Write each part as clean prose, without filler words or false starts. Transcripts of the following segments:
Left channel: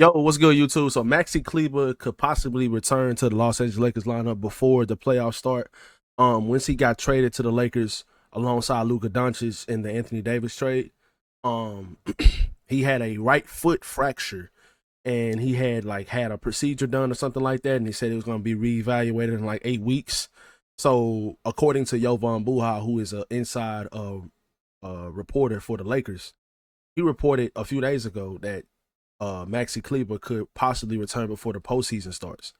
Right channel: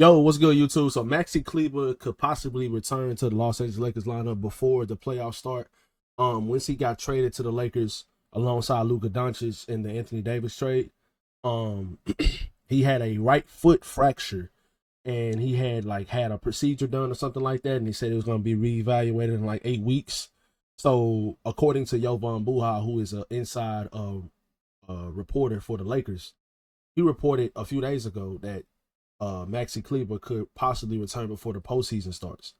Yo, what's good, YouTube? So Maxi Kleber could possibly return to the Los Angeles Lakers lineup before the playoffs start. Once he got traded to the Lakers alongside Luka Doncic in the Anthony Davis trade, um, he had a right foot fracture, and he had a procedure done or something like that, and he said it was going to be reevaluated in like 8 weeks. So according to Jovan Buha, who is an inside reporter for the Lakers, he reported a few days ago that Maxi Kleber could possibly return before the postseason starts.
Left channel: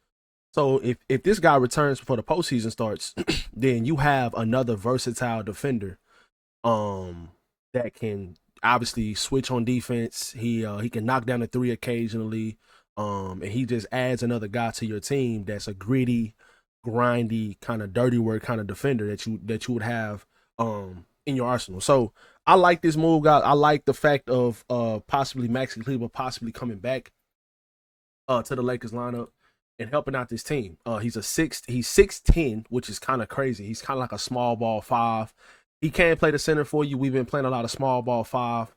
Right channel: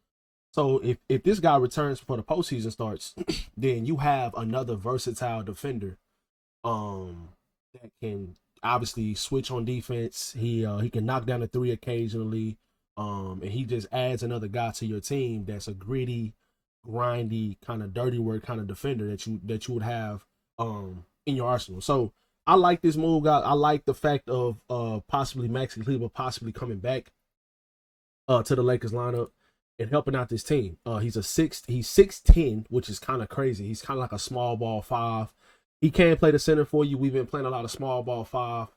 So if this guy returns before the postseason starts, then you have another versatile defender um that can obviously switch on defense. He can knock down the three occasionally. And he just adds another guy to your team that's a gritty, grindy, kind of dirty work kind of defender that you would have in your arsenal. So I like this move, guys. I like the fact of possibly Maxi Kleber possibly coming back to the Lakers lineup and helping out this team. He's 6'10", which is kind of crazy. He's kind of like a small ball five. He can play the center for you. We've been playing a lot of small ball five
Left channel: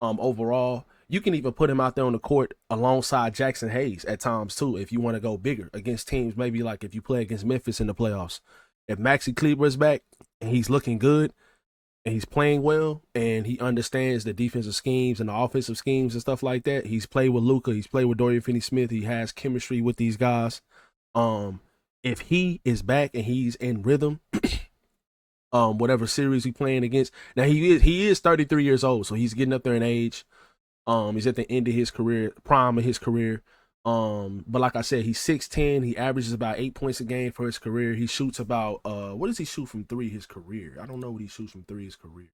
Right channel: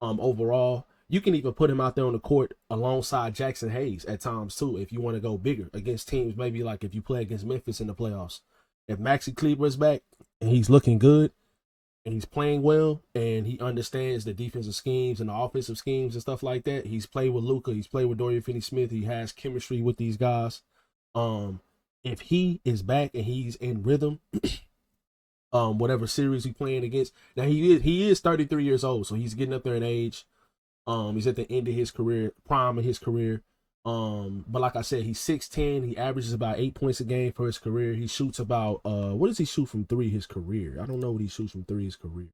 overall. You can even put him out there on the court alongside Jackson Hayes at times too, if you want to go bigger against teams. Maybe like if you play against Memphis in the playoffs. If Maxi Kleber is back and he's looking good and he's playing well and he understands the defensive schemes and the offensive schemes and stuff like that. He's played with Luka, he's played with Dorian Finney-Smith, he has chemistry with these guys. If he is back and he's in rhythm, whatever series he's playing against. Now he is 33 years old, so he's getting up there in age. He's at the end of his career, prime of his career. But like I said, he's 6'10". He averages about 8 points a game for his career. He shoots about what does he shoot from three his career? I don't know what he shoots from three his career.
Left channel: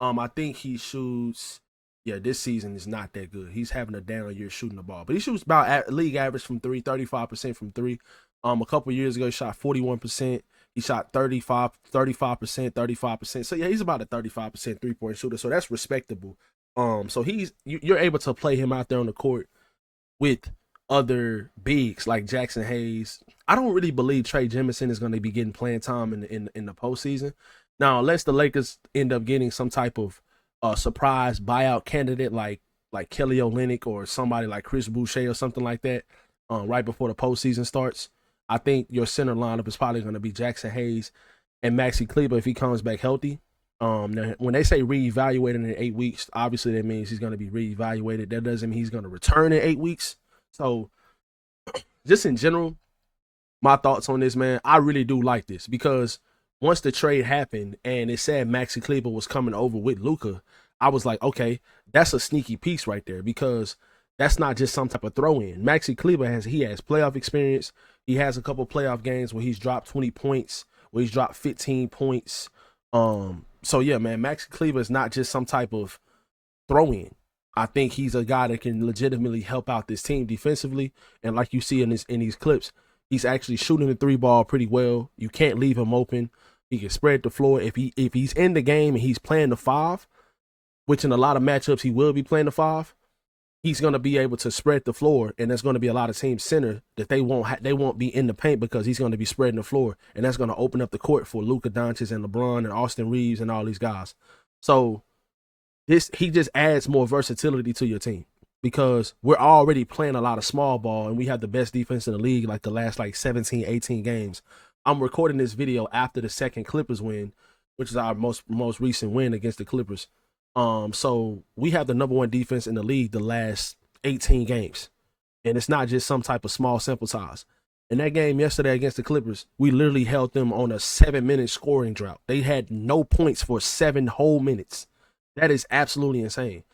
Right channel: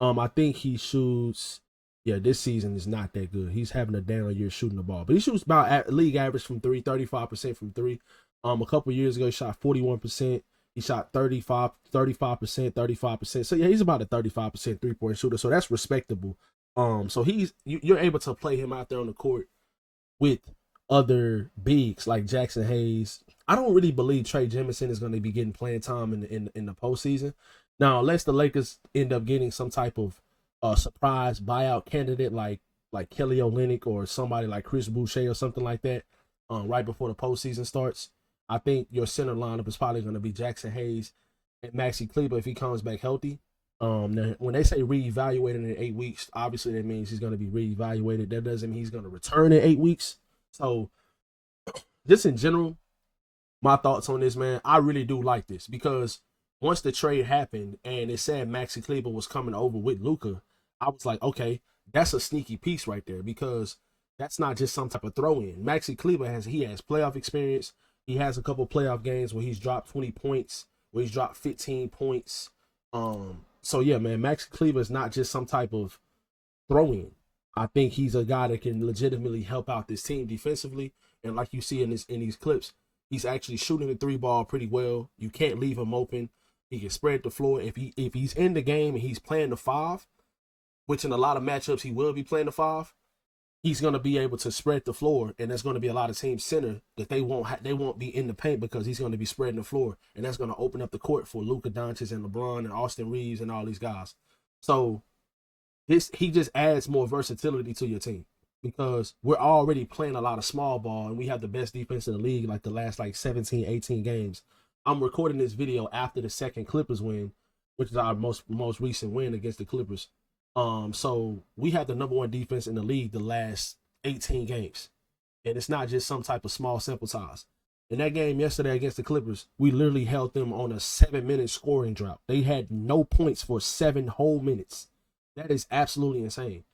I think he shoots. Yeah, this season is not that good. He's having a down year shooting the ball, but he shoots about league average from three, 35% from three. A couple years ago, he shot 41%. He shot 35%, 35%. So yeah, he's about a 35% 3-point shooter. So that's respectable. So you're able to play him out there on the court with other bigs like Jackson Hayes. I don't really believe Trey Jemison is going to be getting playing time in the postseason. Now, unless the Lakers end up getting some type of surprise buyout candidate like Kelly Olynyk or somebody like Chris Boucher or something like that, right before the postseason starts, I think your center lineup is probably going to be Jackson Hayes and Maxi Kleber if he comes back healthy. Now, when they say reevaluated in 8 weeks, obviously that means he's going to be reevaluated. That doesn't mean he's going to return in 8 weeks. So, just in general, my thoughts on this, man, I really do like this because once the trade happened and it said Maxi Kleber was coming over with Luka, I was like, okay, that's a sneaky piece right there because that's not just some type of throw in. Maxi Kleber has playoff experience. He has a couple playoff games where he's dropped 20 points, where he's dropped 15 points. So yeah, man, Maxi Kleber is not just some type of throw in. I think he's a guy that can legitimately help out this team defensively. And like you see in these clips, he's actually shooting the three ball pretty well. You can't leave him open. He can spread the floor. If he's in the game and he's playing the five, which in a lot of matchups he will be playing the five, he's going to be able to spread the floor, and there's going to be a lot of teams center that they won't be in the paint because he's going to be spreading the floor, and that's going to open up the court for Luka Doncic and LeBron and Austin Reeves and all these guys. So he just adds more versatility to your team because we're already playing a lot of small ball and we have the best defense in the league like the last 17, 18 games. I'm recording this video after the second Clippers win, which is our most recent win against the Clippers. So we have the number one defense in the league the last 18 games. And it's not just some type of small sample size. In that game yesterday against the Clippers, we literally held them on a 7-minute scoring drought. They had no points for 7 whole minutes. That is absolutely insane.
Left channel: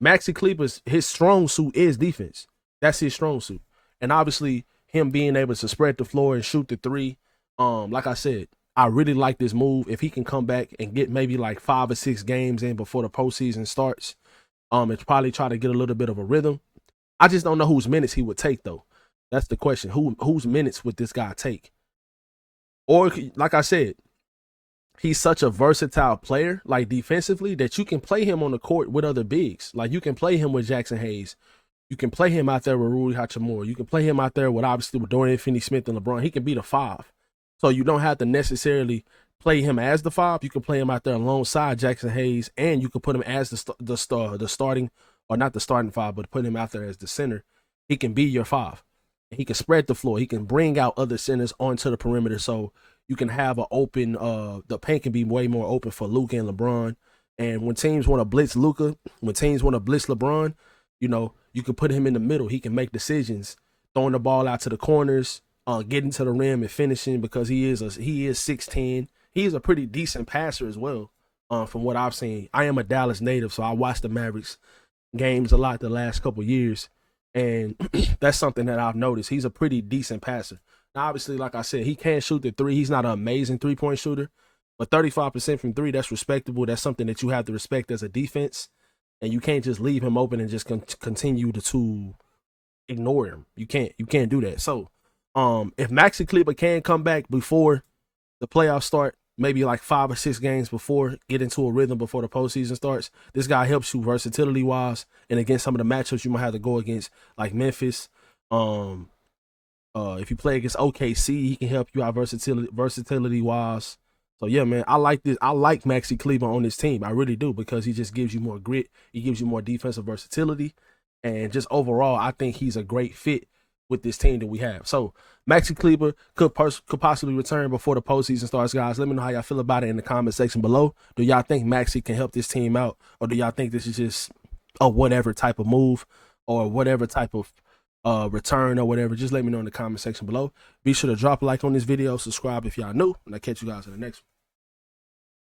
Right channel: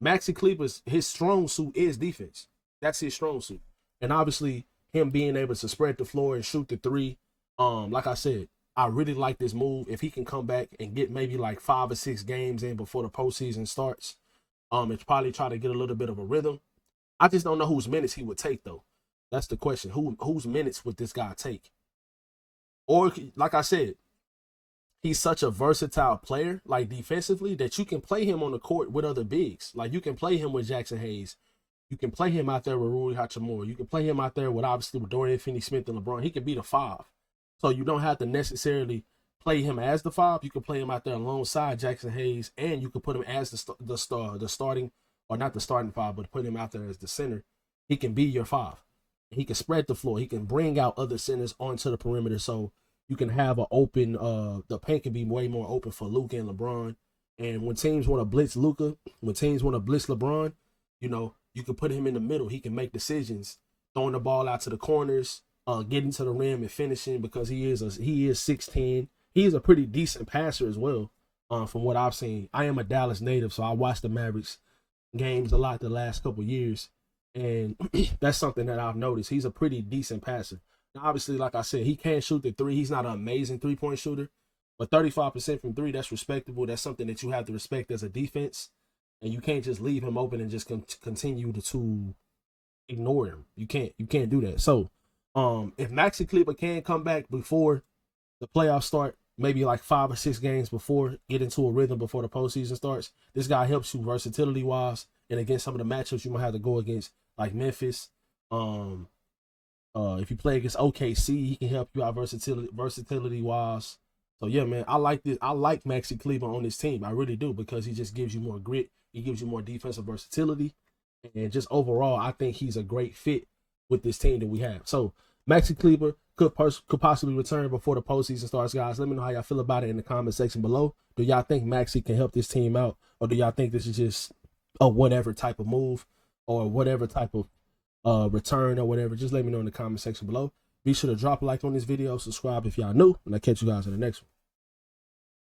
Maxi Kleber's his strong suit is defense. That's his strong suit. And obviously him being able to spread the floor and shoot the three. Like I said, I really like this move. If he can come back and get maybe like 5 or 6 games in before the postseason starts, it's probably try to get a little bit of a rhythm. I just don't know whose minutes he would take though. That's the question. Whose minutes would this guy take? Or like I said, he's such a versatile player, like defensively, that you can play him on the court with other bigs. Like you can play him with Jackson Hayes. You can play him out there with Rui Hachimura. You can play him out there with Dorian Finney-Smith and LeBron. He can be the 5. So you don't have to necessarily play him as the 5. You can play him out there alongside Jackson Hayes, and you can put him as the starting, or not the starting 5, but put him out there as the center. he can be your 5. He can spread the floor. He can bring out other centers onto the perimeter, so you can have an open. The paint can be way more open for Luka and LeBron. And when teams want to blitz Luka, when teams want to blitz LeBron, you know, you can put him in the middle. He can make decisions, throwing the ball out to the corners, getting to the rim and finishing, because he is 6'10". He is a pretty decent passer as well. From what I've seen, I am a Dallas native, so I watched the Mavericks games a lot the last couple years, and that's something that I've noticed. He's a pretty decent passer. Now, obviously, like I said, he can shoot the 3. He's not an amazing 3-point shooter, but 35% from 3, that's respectable. That's something that you have to respect as a defense, and you can't just leave him open and just continue to ignore him. You can't do that. So, if Maxi Kleber can come back before the playoffs start, maybe like 5 or 6 games before, get into a rhythm before the postseason starts, this guy helps you versatility wise, and against some of the matchups you might have to go against, like Memphis. If you play against OKC, he can help you out versatility wise. So yeah, man, I like this. I like Maxi Kleber on this team. I really do, because he just gives you more grit. He gives you more defensive versatility, and just overall, I think he's a great fit with this team that we have. So Maxi Kleber could possibly return before the postseason starts, guys. Let me know how y'all feel about it in the comment section below. Do y'all think Maxi can help this team out, or do y'all think this is just a whatever type of move, or whatever type of return or whatever? Just let me know in the comment section below. Be sure to drop a like on this video, subscribe if y'all new, and I'll catch you guys in the next one.